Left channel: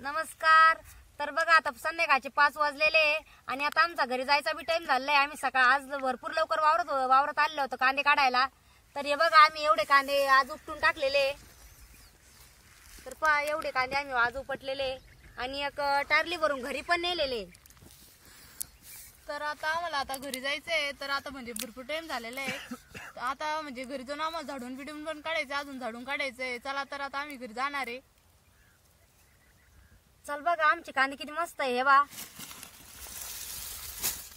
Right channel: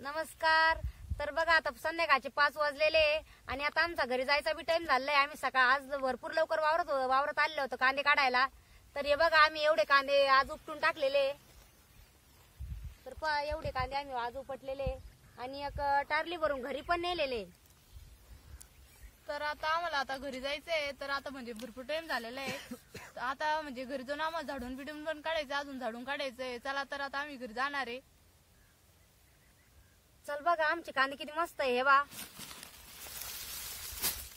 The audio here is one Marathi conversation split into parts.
नमस्कार। तर बघा आता संध्याकाळचे 5 वाजलेले आणि आता आमचा घरी जायचा बी टाइम झालाय। आम्ही सकाळ आज भरपूर लवकर वावरत आलेलो होतो कांदे काढायला। तर हे बघा आम्ही एवढे कांदे आज उपटून टाकलेले। तर पहा एवढे कांदे आम्ही आज उपटलेले आणि एक टारली भरून घरी पण नेलेले। तर आता आम्हाला आता घरी जायचंय। तर आता म्हणजे भरपूर टाइम झालेला आहे। आता म्हणजे घरी जाऊन आम्हाला झाडून बिडून पण काढायचं, अजून झाडून काढायचंय। चला तर आता आम्ही घरी जाणार आहे। चल बघा आमचे कांदे किती मस्त आहे। हे बा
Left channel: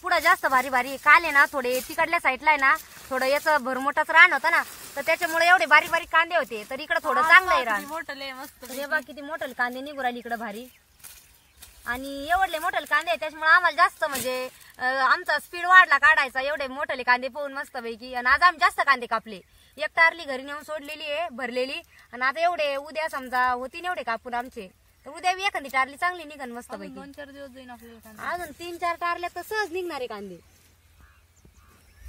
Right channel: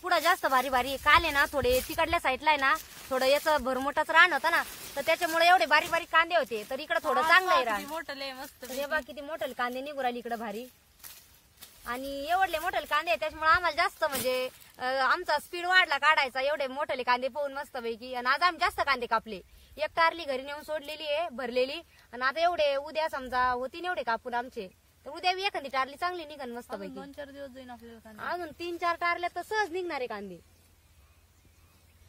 पुढे जास्त भारी भारी काल आहे ना, थोडे तिकडल्या साईडला आहे ना थोडं याचं भरमोठाच रान होतं ना, तर त्याच्यामुळे एवढे बारीक बारीक कांदे होते। तर इकडे थोडं चांगलं आहे रान, मोठं मस्त। हे बघा किती मोठे कांदे निघू राहिले इकडे भारी आणि एवढले मोठे कांदे आहे। त्याच्यामुळे आम्हाला जास्त म्हणजे आमचा स्पीड वाढला काढायचा एवढे मोठे कांदे पाहून मस्त पैकी। आणि आज आम्ही जास्त कांदे कापले, एक टारली घरी नेऊन सोडलेली आहे भरलेली। आणि आता एवढे उद्या समजा होतीन एवढे कापून आमचे, तर उद्या बी एखादी टारली चांगली निघन मस्त पैकी। 2-4 दिवस जाईन आपल्याला, अजून 3-4 टारल्या तर सहज निघणारे कांदे।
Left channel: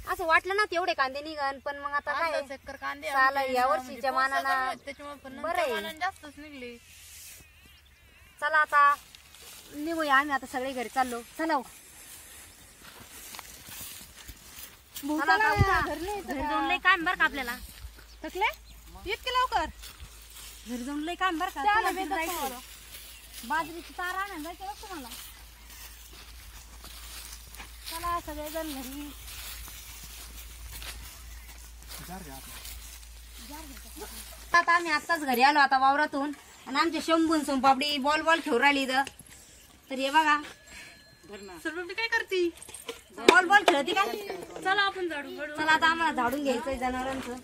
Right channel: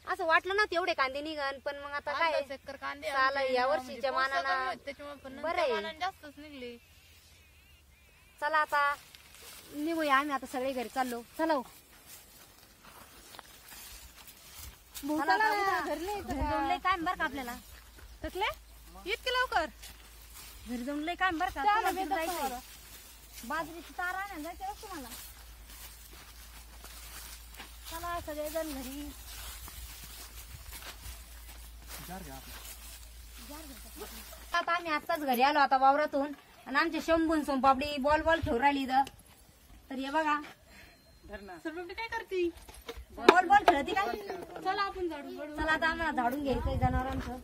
असं वाटलं ना तेवढे कांदे निघन, पण मग आता काय चक्कर कांदे या वर्षीच्या मानानं बरं जास्तच निघले। चला आता निघूया आम्ही, आता सगळे घरी चाललो। चला लय काम बर का आपल्याला, थकले इतके लवकर घरी जाऊन लय काम बर का। बाजरीची तार आणायला जायचं असतं मला। चला सगळेजण घरी। आता आम्ही आत्ताच घरी आलो आता वावरातून, आणि आमच्या शंभून सोनपापडी बॉल ठेवून राहिली इथं। तर हे बघा काय करती, बॉल खेळती काय। चला आपण झाडू काढू। चला आता आम्हाला झाडून घ्यायचंय जनावरांचं।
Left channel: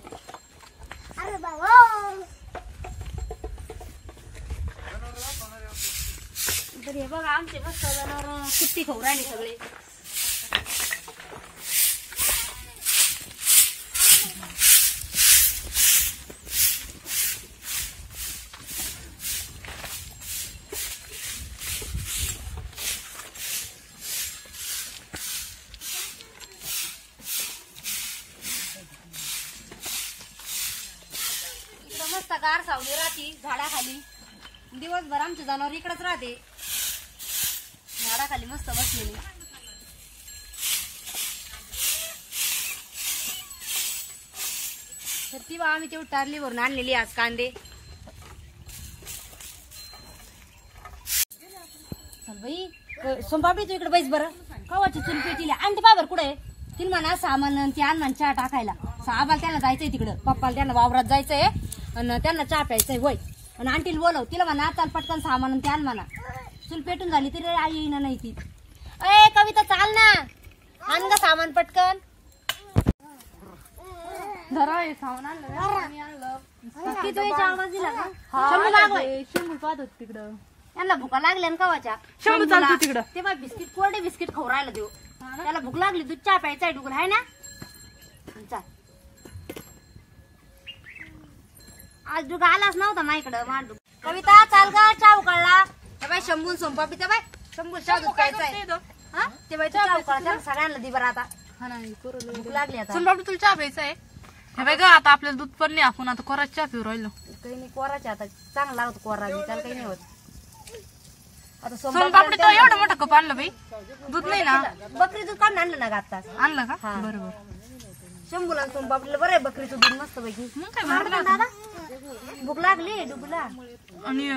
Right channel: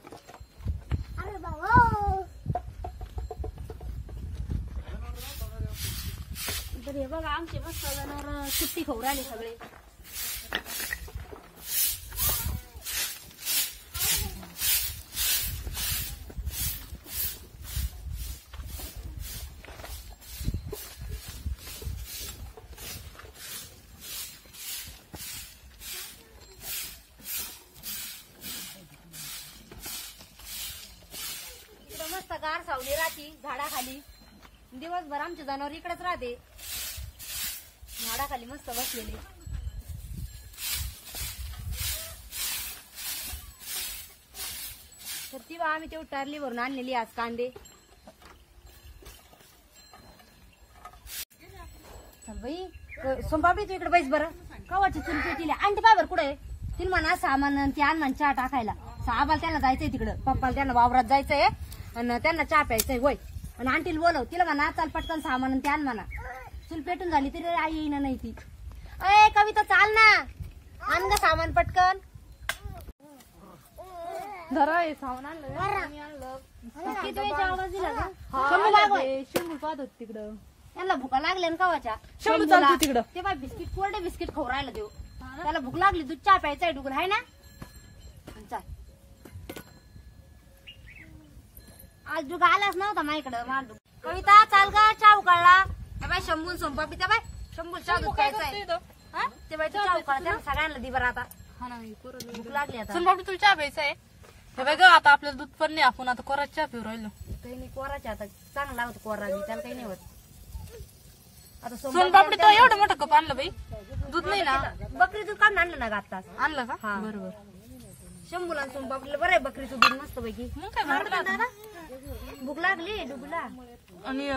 तर हे बघा आमचे मस्त जनावर सुट्टी खाऊ राहिले सगळे। मस्त गार सावली राहती झाडाखाली, दिवसभर आमचे जनावर इकडेच राहते झाडाखाली मस्त बसलेली। तर ती बा आम्ही तेवढी टारली भरून आणलेली आज कांदे। चल बाई सोमपापडी तू इकडे बैस बरं। कवाची चुल पेटीला आणि ते बाबर कुठे तिला म्हणा सामान ते आण चहा टाकायला। आबाला त्यांना जायचंय तिकडं, पप्पाला त्यांना वावरात जायचंय आणि त्यांना चहा प्यायचंय वय। आणि आंटीला बोलव, तिला म्हणा चाल पटकन सामान ते आण म्हणा। चूल पेटून झाली तरी आई येईना नाही ती। ए कविता चाल ना, आण ग सामान पटकन। धरा हे सामान आणलं। किती वेळचा आवाज दिला का? शंभू पाहत होत तिकडं, यांना भुका लागल्या ना कवाच्या। शंभू चालतो तिकडं, ते बाय बिस्किट कोरडे बिस्किट खाऊ राहिला देऊ। त्याला भूक लागली, दूध चहा प्यायचा डुगल आहे ना। चाल आज दुगा आलाच नव्हता माझ्याकडं। कविता चाल ग चहा उकळला। ते बाई शंभू सोमपापडी ते बाई शंभू चहा दूध प्यायचाय। हा ते बाई चहा उकळला सगळ्यांना दि बरं आता। हा नाही भूक लागली आता। सोनपापडी तुला चहा प्यायचा आहे? हे बघ आता आपल्याला दूध पण नाही, आपण आता कोरा चहा पिऊ राहिलो। काही नाही कोराच्या आता चांगला लागतो कोरा बी, त्याला काही नाही होत। आता सोनपापडी तो एवढं मोठं कप आणलं बाई, दूध नाही ना। बकरी दूध काढून आणलं ना ग आत्ताच। आणलं का? हा बरोबर। शंभूला सोनपापडीला बरं आहे बकरीचं दूध मस्त पैकी। मग काय मारलं दादा, भूक लागली डुबला। आणि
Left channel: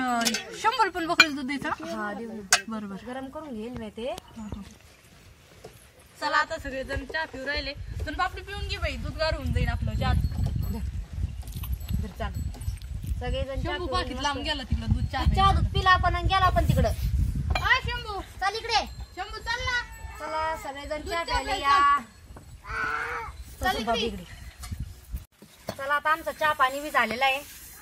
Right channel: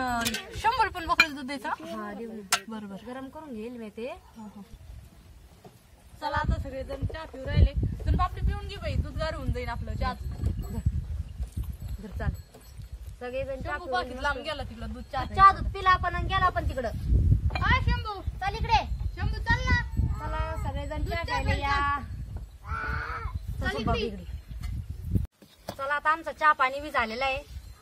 100 पण बकरीचं दूध द्यायचं। हा देऊ बरोबर, गरम करून घेईल मी ते। चला आता सगळेजण चहा पिऊ राहिले, सोनपापडी पिऊन घे बाई, दूध गार होऊन जाईल आपलं चहा। चाल सगळेजण शंभू लांब गेला तिकडं दूध चहा दूध पिला आपण आणि गेला आपण तिकडं। हा शंभू चल इकडे, शंभू चल ना। चला सगळेजण चहा प्यायला या। इकडे चला आता आमचं चहा पाणी बी झालेलं आहे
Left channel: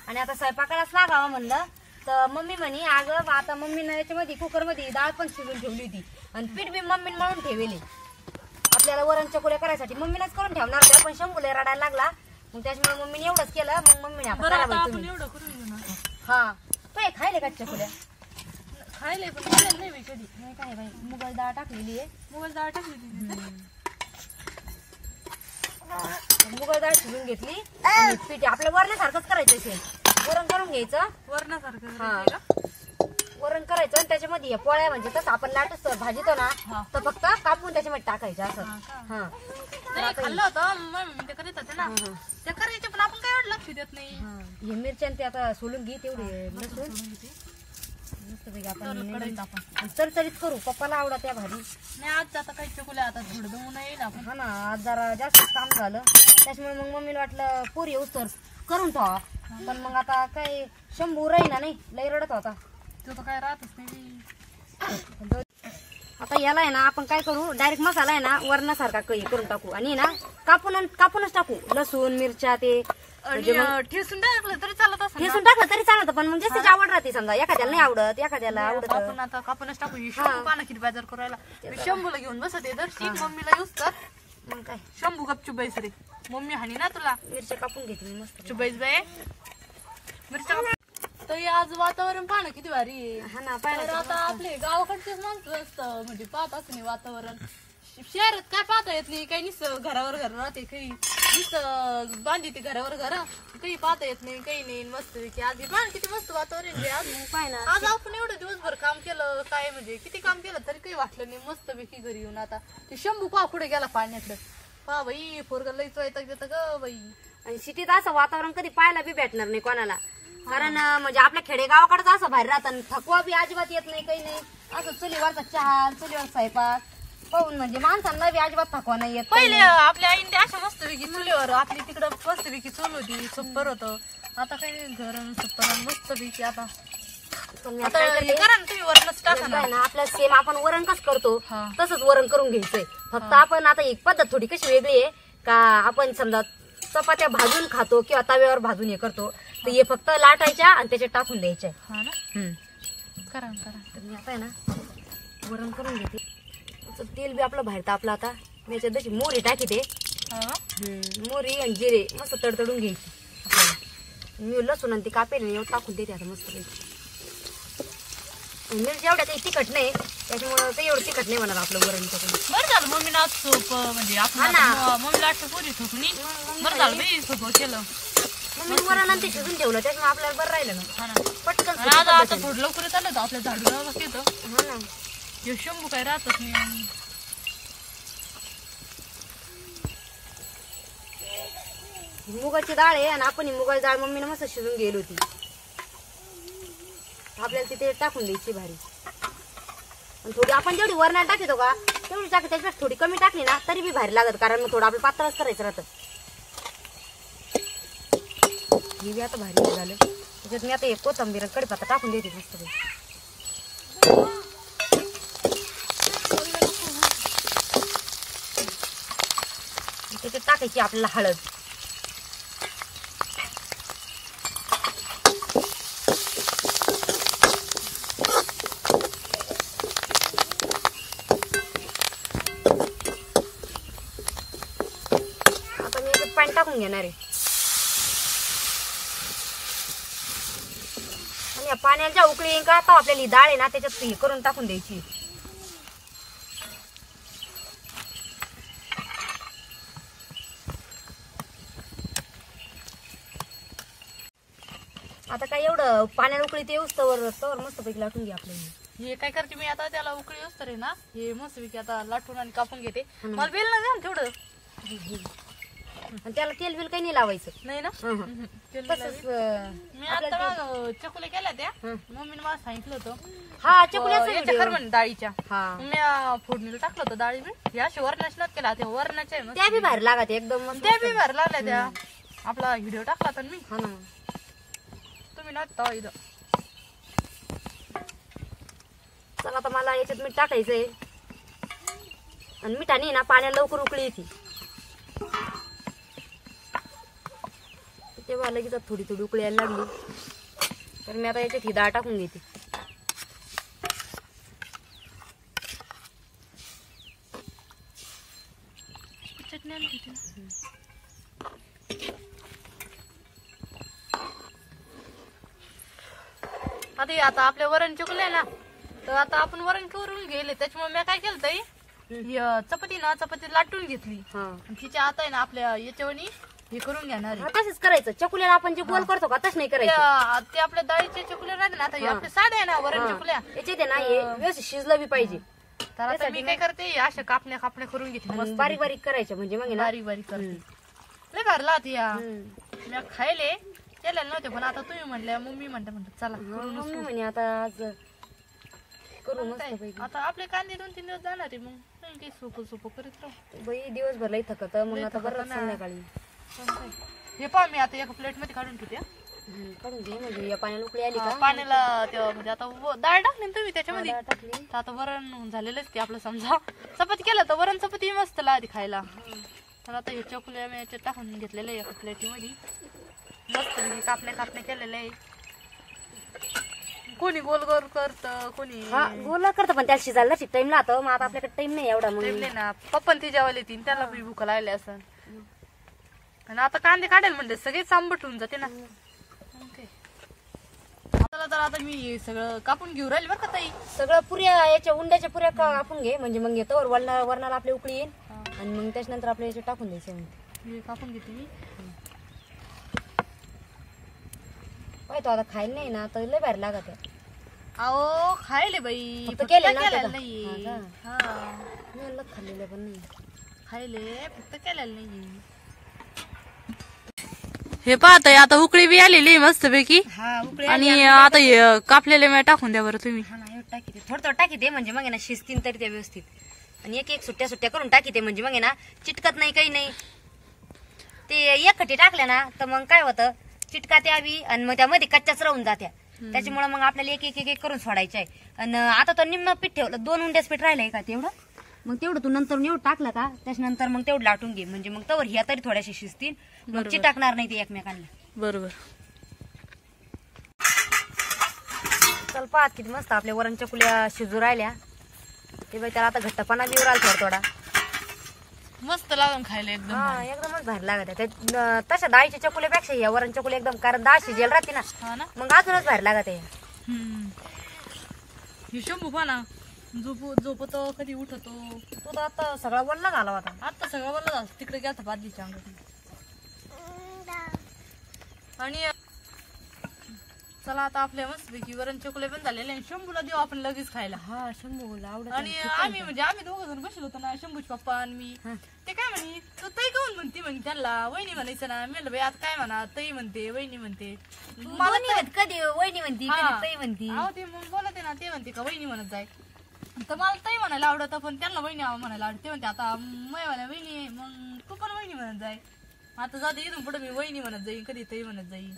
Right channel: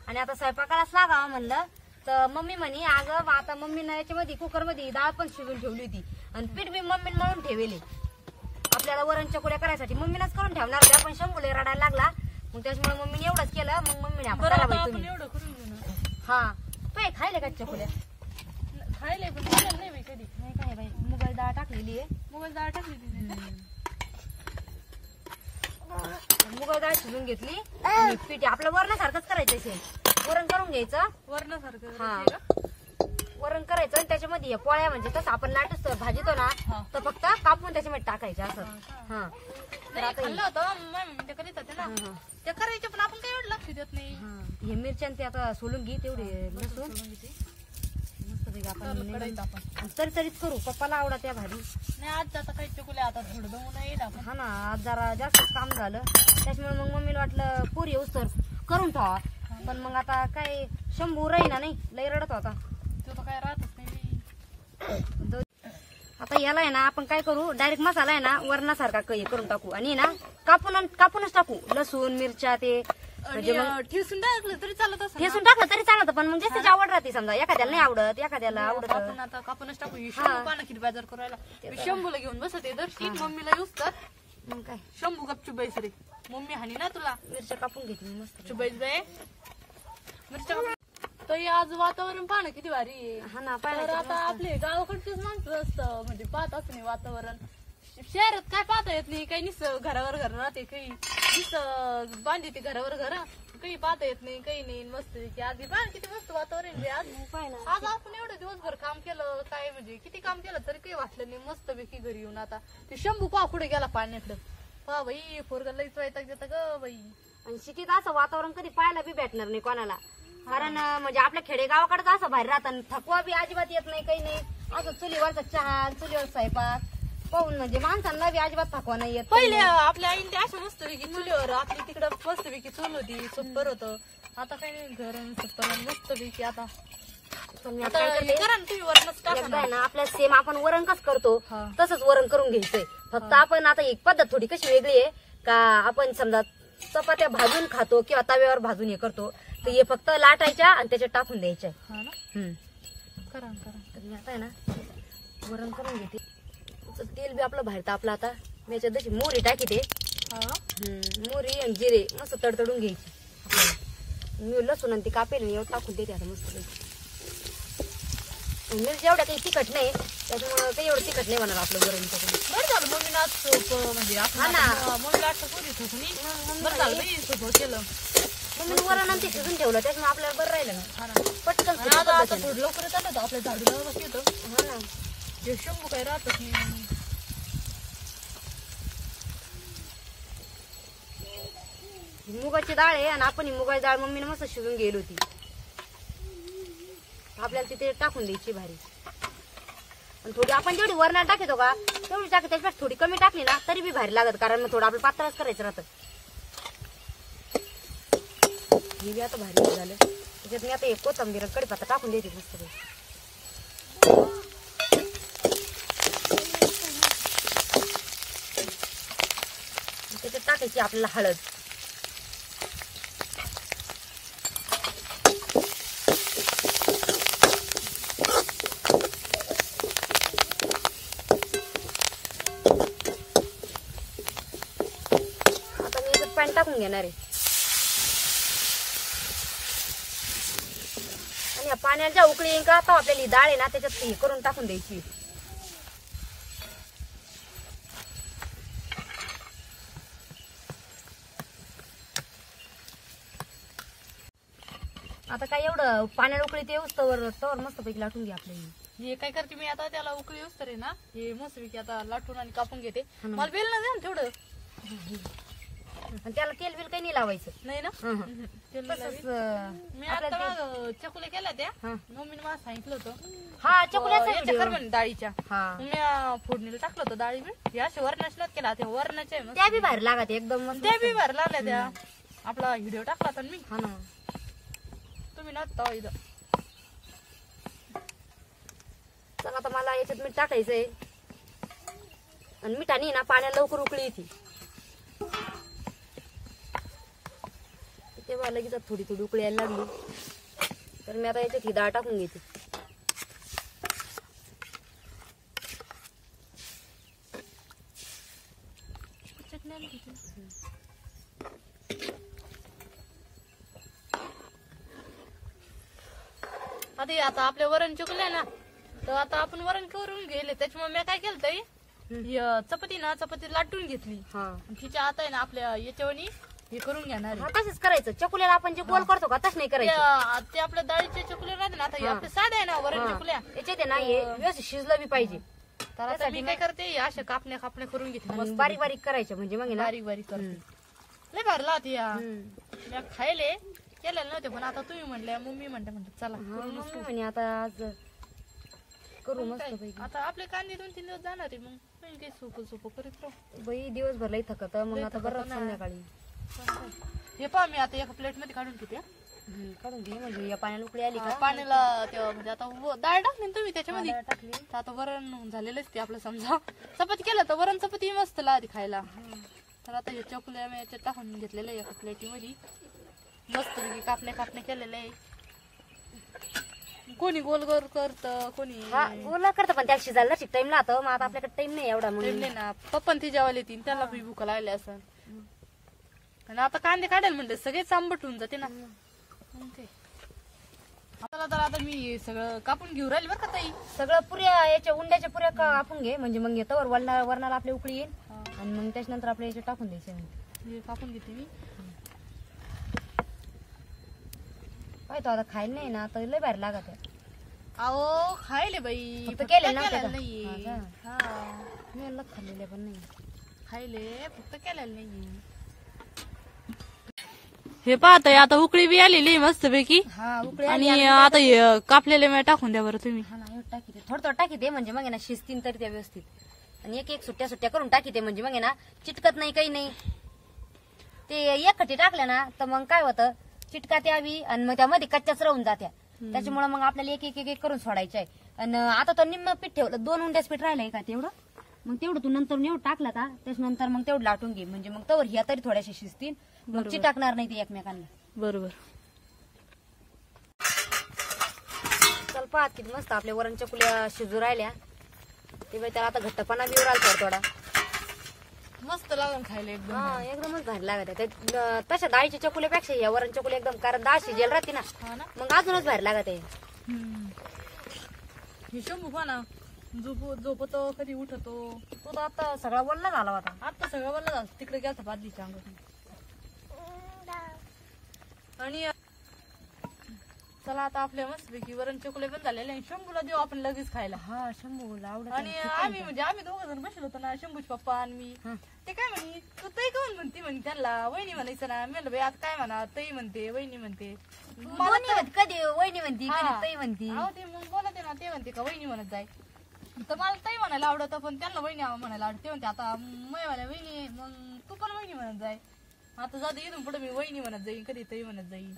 आणि आता स्वयंपाकालाच लागावं म्हणलं। तर मम्मी म्हणे अगं आता मम्मीनं याच्यामध्ये कुकर मध्ये डाळ पण शिजून ठेवली होती आणि पीठ बी मम्मीने मळून ठेवले। आपल्याला वरण चकुल्या करायसाठी मम्मीनच करून ठेवणार होत्या, पण शंभूला रडायला लागला मग त्याच्यामुळे मम्मीने एवढंच केलं। मग मम्मीने आपण करा बाई तुम्ही। हा तो खायले का चकुल्या? खायला पण नाही बाई कधी। नाही काय बाई मुगाची डाळ टाकलेली आहे। मुगाची डाळ टाकली, मुगाची डाळ शिजून घेतली आणि पीठ आपल्या वरणासारखंच करायचं असेल, वरण करून घ्यायचं वरणासारखं। हा वरण करायचं। घ्यायचं आणि त्याच्यामध्ये या पोळ्या म्हणजे तसं आपण लाटूस भाजीतो ना तर फक्त कापून त्याच्यामध्ये टाकायचं असं. हा नाही, खाल्लं होतं मग ते करीत होते ना ते करायचे, पण आपण काय एवढं लक्ष देत नाही. हे मिरच्या ते आता सोलून घे तेवढे लसूण मस्तपैकी आपण चरचरीत करू. पप्पाला आवडा त्या भाजी. नाही आज आता काही चकुल्या आता थोडं दमून येईल आपण. हा ना आज जरा जास्त काम झालं त्याच्यामुळे मग मम्मीला वाटलं पोरी येऊस तर करून ठेवा, पण मग आता काय शंभू राहीना नाही लई रडत होता. तो तर काय राहतच नाही. आता याला आहे ना आपण काय करू डायरेक्ट मसाला आहे ना वरणासारखा करून टाकू आणि ना कापूनच टाकू लसूण मिरच्या ते म्हणजे मग ठेसून टाकलं तरी चालत असं. ठेसून टाकलं तरी चालतं, पण मग जास्तीची आवड राहते. समजा एखाद्याला नाही आवडत एखाद्याला आवडत. आपण आता कापूनच टाकू. शंभू पाना किती बाजार करायला शंभूला घेऊन बसते दर्शी मम्मीला येऊस तर मग काय शंभू गप चुबाईस रे मम्मी हानी ना तुला. मिरच्या कापून घेते मी मस्त चुबाईस बाई मिरच्या. तर आज वातावरण पाहणं किती भारी आहे. हा ना तर आता आपले गावाकडचेच माणसं असतं म्हणजे पाहताच नाही वातावरण. शहरात काय पाहता येत नाही, काही नुसतं घरावर घर राहते, काही नुसतं बांधते घरावर घर, काही पाहता येत नाही, काही नाही. मस्त की आज पाहा किती मस्त वातावरण आहे. आज पाय ना आज आपण एवढं दिवसभर काम केलं, काय म्हणजे किती काम केलं तरी काही वाटलं नाही. मस्त पैकी घरी येऊन आता ते शंभू पा पुढे गेला पाण्याकडं. पहा बाई पोरगा लईच वैताग देतं ग बाई. आणि सिटीत असं वातावरण कधी पाहायला बी भेटणार नाही कोणाला, कारण म्हणजे आपल्या खेडेगावाकडे असं बाहेर राहतात. थकवा बी अजिबात येत नाही, काही नाही. असं चुलीवरचा चहा चुलीवर स्वयंपाक पाहून म्हणजे माणसांना बी अजिबात थकवा नाही येत. पहिले आपल्या आईने अशा मस्तपैकी चुलीवर आपली तिकडं मस्तपैकी चूल होती, सुपर होतं. आता काही घर सुपर मस्तपैकी आता आपल्या सेम आपण वरण कसं करतो तसंच वरण करून घ्यायचंय. फक्त आपण आता एक पद्धत थोडी कशी वेगळी आहे का, आपण समजा चपात्या भाजून खातो किंवा तव्यावर भाजून हे करतो, तर हे फक्त लाटायच्या आणि त्याच्यात टाकून द्यायच्या. करा तर मी आता आहे ना वरण करून घेते. तेल बी आपलं बाहेर तापलं आता. त्याच्यात जशी मोहरी टाकीते, मोहरी आणि जिरे मस्त तडतडून घ्यायची. आपल्याला मी लसूण आणि ती कापेल एवढं टाकून देते आता मस्त पैकी. मिरची एवढ्या काही तिखट नाही त्याच्यामुळे काही एवढं तिखट नाही होणार आपलं वरण. बरं झालं मम्मी ना सोप म्हणजे मम्मीला आठवण पोरी ठोकून बरं झालं बाई सोपं केलं. मम्मी वरण आणि ते शिजून ठेवलं त्याच्यामुळे आपल्याला बरं राहिलं ना पटकन. आता थोडं लवकर आलं तर आपल्या झाडूला येतं. हा ना हे शंभू काय राहतच नाही. मुगाची डाळ आहे आणि आपण ही मुगाची डाळ मम्मीने मस्त शिजून गेली होती. आपल्याला तिथे टाकून द्यायची भारी. आणि थोडी आपण जेवढी वरणात टाकतो का तेवढी टाक, त्याच्यापेक्षा थोडी कमी टाकली ना तरी बी भारी लागत, कारण मग थोडं आपलं पातळच करायचं राहतं. हे बी आता भारी झालं. त्याच्यात मी आता एक कोथिंबीर कढीपत्ता टाकून देते मस्त. त्याच्यात टाकायची आपल्याला हळद. पाणी टाकून घेणार आहे आणि पाण्याच्या उकळी येईन का आता आपल्याला ही डाळ आहे ना त्याच्यात हे करून टाकून द्यायची. आता काय एवढं पाण्याला उकळी ते येऊस तवर मस्त पैकी लाटून घ्या आपल्याला. हे काय करते मी आता त्याला उकळी असतं रे ना हे मस्तपैकी आता लाटून आणि कापून घेते. मला बेल ना घ्या तेवढं. आणि त्याला तेल बिल काही नाही लावायचं नाही ना. तसंच मी आता चकुल्या केल्या त्या मम्मीने मला सांगितलं होतं. हा चकुल्या डाळीच्या मी फोडणीला टाकलं होतं डाळी मी अशा वरणाच्या केला त्या वरणाच्या त्या बी बाहेर लागत एकदम त्या बी बाहेर लागल्या त्या. आपला व्हिडिओ टाकला तर मी. हा ना तुम्ही ना इथं. चला आता मला याच्यात मीठ टाकायचंय आणि मिठाने ना पाण्याला लवकर उकळी येते तेव्हा लगेच थोडी थोडी उकळी यायला लागली तर मी आता याच्यात ही डाळ टाकून घेते. आता आपले वरण चुकले ना तर आता आपण वरण करून गेले त्याच्यामुळे मी काय केलं चपाती लाटून घेतली. तिच्या आता आहे ना आपल्या याच्यावणी हे करून घेणार आहे. हा, तसंच करायचं. चकुल्याला आपण जे गोल करतो का तसं नाही करायचं. ते आपल्या डाळीचे चकुले राहते ना, आता हे आपले साधे आहे ना वरण चकुल्या, याच्यात आहे ना हे व्यवस्थित शिजलं बी पाहिजे. तर आता मी काय करते अशा कापण्या करून घेते आणि बारीक बारीक करायचं म्हणजे मग आहे ना. बारीक बारीक करते. लय भरला होती या मी खायले केलेले नव्हते, पण आता तुम्ही म्हणल्या मम्मी म्हणते चला मम्मी म्हणे आता आज करू मस्त. आता आपले कांदे 2-3 दिवस जाणार आहे, मग काही सोपं करीत राहू. बाई दिवसभर लई थकत, मग आता बरं संध्याकाळी हे पहा मी आता एका प्लेट मध्ये काढून ठेवते. काढून घे म्हणजे या पाण्याला उकळी आली का पाण्याला तेव्हा म्हणजे आता डाळ टाकली ना तुम्ही त्याच्यामध्ये, डाळ टाकली. तर आता वरण झालेलंच ते आपलं. समजा चपाती केलं तर वरण चपाती मस्त लागते खायला. तर आता हे चकुल्या मी याच्यात टाकून घेतलेलं आहे एका प्लेटीमध्ये. मस्त कापण्या केलेल्या आहे. कोणी गोल गोल करत, कोणी गोल करतं, पण त्यात शिजायला टाइम लागतो. मग आता आपल्याकडे टाइम नाही एवढा. मग ना पप्पा ती जेवायला येतील त्याला बी भूक लागली असं. आणि आता कांदे काढायला म्हणले सगळेच आंबट होऊन जाते ना. आता मी सगळं कापून घेऊ राहिले बरं का ताई. सगळं पुऱ्या याच्या उंड्याच्या पुऱ्या कापून घे म्हणजे मग येतो वरणाला आपली उकळी येईल. आणि मग त्याच्यानंतर आपल्या याच्यात टाकून द्यायचं. हे कापून घेते मी. पाहिजे आता खायला नाही ना तर लय बाहेर लागत आहे. अहो खायले बाई फक्त केलेलं ना केलेलं त्याचं. नाही. हा मी म्हणलं खाल्लेलं पण नाही. खायले फक्त केलेलं नाही. हे पाहताय आता उकळी बी आलेली मस्त पैकी. हा उकळी आणि आता हे कापलेले मी टाकून द्या बरं तुम्ही. हा ना एवढं टाकी थोडं टाकी दे म्हणजे मग आहे ना शिजतील तरी त्या व्यवस्थित. आणि एक सुट्ट्या करून टाकी दे म्हणजे मग आहे ना चिटकत नाही काही नाही. ते एकखटी टाकल्या ना तर मग काय होतं चिटका त्यावी आणि मग त्यामध्ये कच्च्याच राहून जात्या. त्याच्यामुळे मग आपल्याला एक करून सोडायचं आहे. आणि आता तो निम्म पीठ ठेवलं 2 उंड्याच पीठ राहिलंय का तेवढं. मग तेवढं तू नंतर एवढं टाकलं का त्याच्यानंतर मग तेवढं लाटून घे म्हणजे मग तवर ह्या तरी थोड्याशा शिजतील. मग चिटकणार नाही ते एकमेकांना. बरोबर. चल पाहत किती मस्त आपल्या वरण चकुल्या शिजू राहिल्या. ते बाई त्याला आता घट्टपणा बी राहिला थोडा. मस्त लागून खायला एकदम. हा एकदमच भारी लागत आहे. तशा डाळीच्या चकुल्यापेक्षा या वरण चकुल्या एकदम, कारण डाळ शिजेल राहते ना हा ना, मग अजूनच भारी लागत आहे. हे शंभू पहा ना झोपतो कधी उठतो. तो तर आता सगळा वल्ला झाला होता. आता सगळं बोललं झालं तिकडे गेलता बादलीच्या अंगात. आणि चला आता आपल्या मस्त पैकी वरण चकुले पण झालेले आणि शंभूला देऊ आपण लगेच खायला. हा शंभूला आवडत. आणि आम्ही 2 जण बसलो होतो ना, शंभूचे पप्पा आणि मी. ते काय म्हणे तू ताई काऊन म्हणते म्हणे त्यांना वहिनी म्हणायचं ना. मी बाई आता काय म्हणा ताई म्हणते वहिनी म्हणते. कधी वहिनी म्हणती कधी ताई म्हणती. अहो ते मग बोलते ना, ते म्हणते का वहिनी म्हणत जाय. तर मला ताई म्हणायला आवडत पण त्यांना वहिनी म्हणायला आवडते. ते म्हणते आता मला वहिनी मग तू पण वहिनी म्हणत जाय. आता जाते इथून पुढे मी वहिनी म्हणत जाईन, कधी ताई म्हणत जाईन,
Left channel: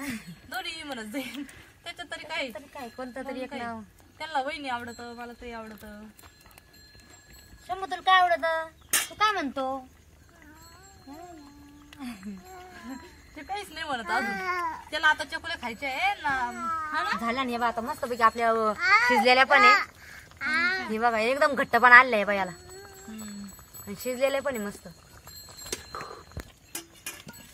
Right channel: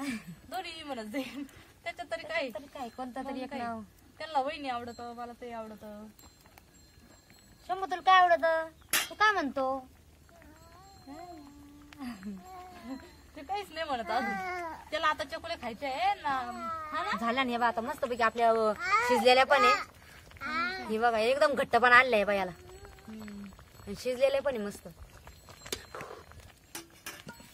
दोन्ही म्हणत जाईन. त्याच्यात तरी काय कोणतं तरी एक नाव. त्यांना वहिनी आवडत, मला ताई आवडत. शंभू तुला काय आवडत तू काय म्हणतो. ते काहीच नाही म्हणत अजून. त्याला आता चकुल्या खायच्या आहे ना. झाला नाही बा आता मस्त पैकी आपल्या शिजलेल्या पण आहे. हे बघा एकदम घट्ट पण आणलंय बा याला. शिजलेले पण आहे मस्त.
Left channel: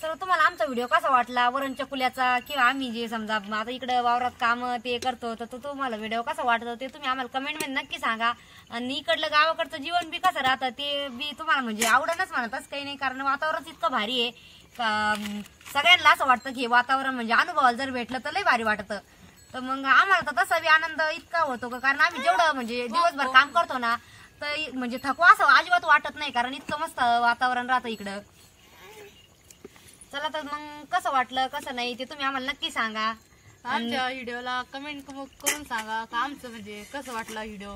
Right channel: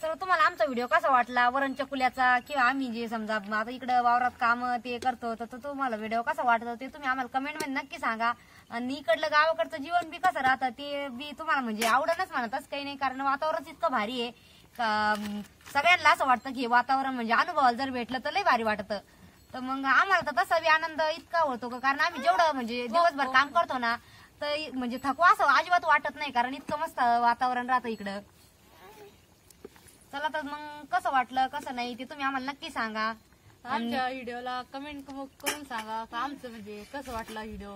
तर तुम्हाला आमचा व्हिडिओ कसा वाटला वरण चकुल्याचा, किंवा आम्ही जे समजा आता इकडे वावरात काम ते करतो तर तुम्हाला व्हिडिओ कसा वाटतो ते तुम्ही आम्हाला कमेंट मध्ये नक्की सांगा. आणि इकडलं गावाकडचं जीवन बी कसं राहतं ते बी तुम्हाला म्हणजे आवडणच म्हणतच काही नाही, कारण वातावरण इतकं भारी आहे का सगळ्यांना असं वाटतं की वातावरण म्हणजे अनुभवाला जर भेटलं तर लय भारी वाटतं. तर मग आम्हाला तर तसा बी आनंद इतका होतो का, कारण आम्ही जेवढं म्हणजे दिवसभर काम करतो ना तर म्हणजे थकवा असं अजिबात वाटत नाही, कारण इतकं मस्त वातावरण राहतं इकडं. चला तर मग कसं वाटलं कसं नाही ते तुम्ही आम्हाला नक्की सांगा. आमच्या व्हिडिओला कमेंट करून सांगा का आमचं म्हणजे कसं वाटलं व्हिडिओ.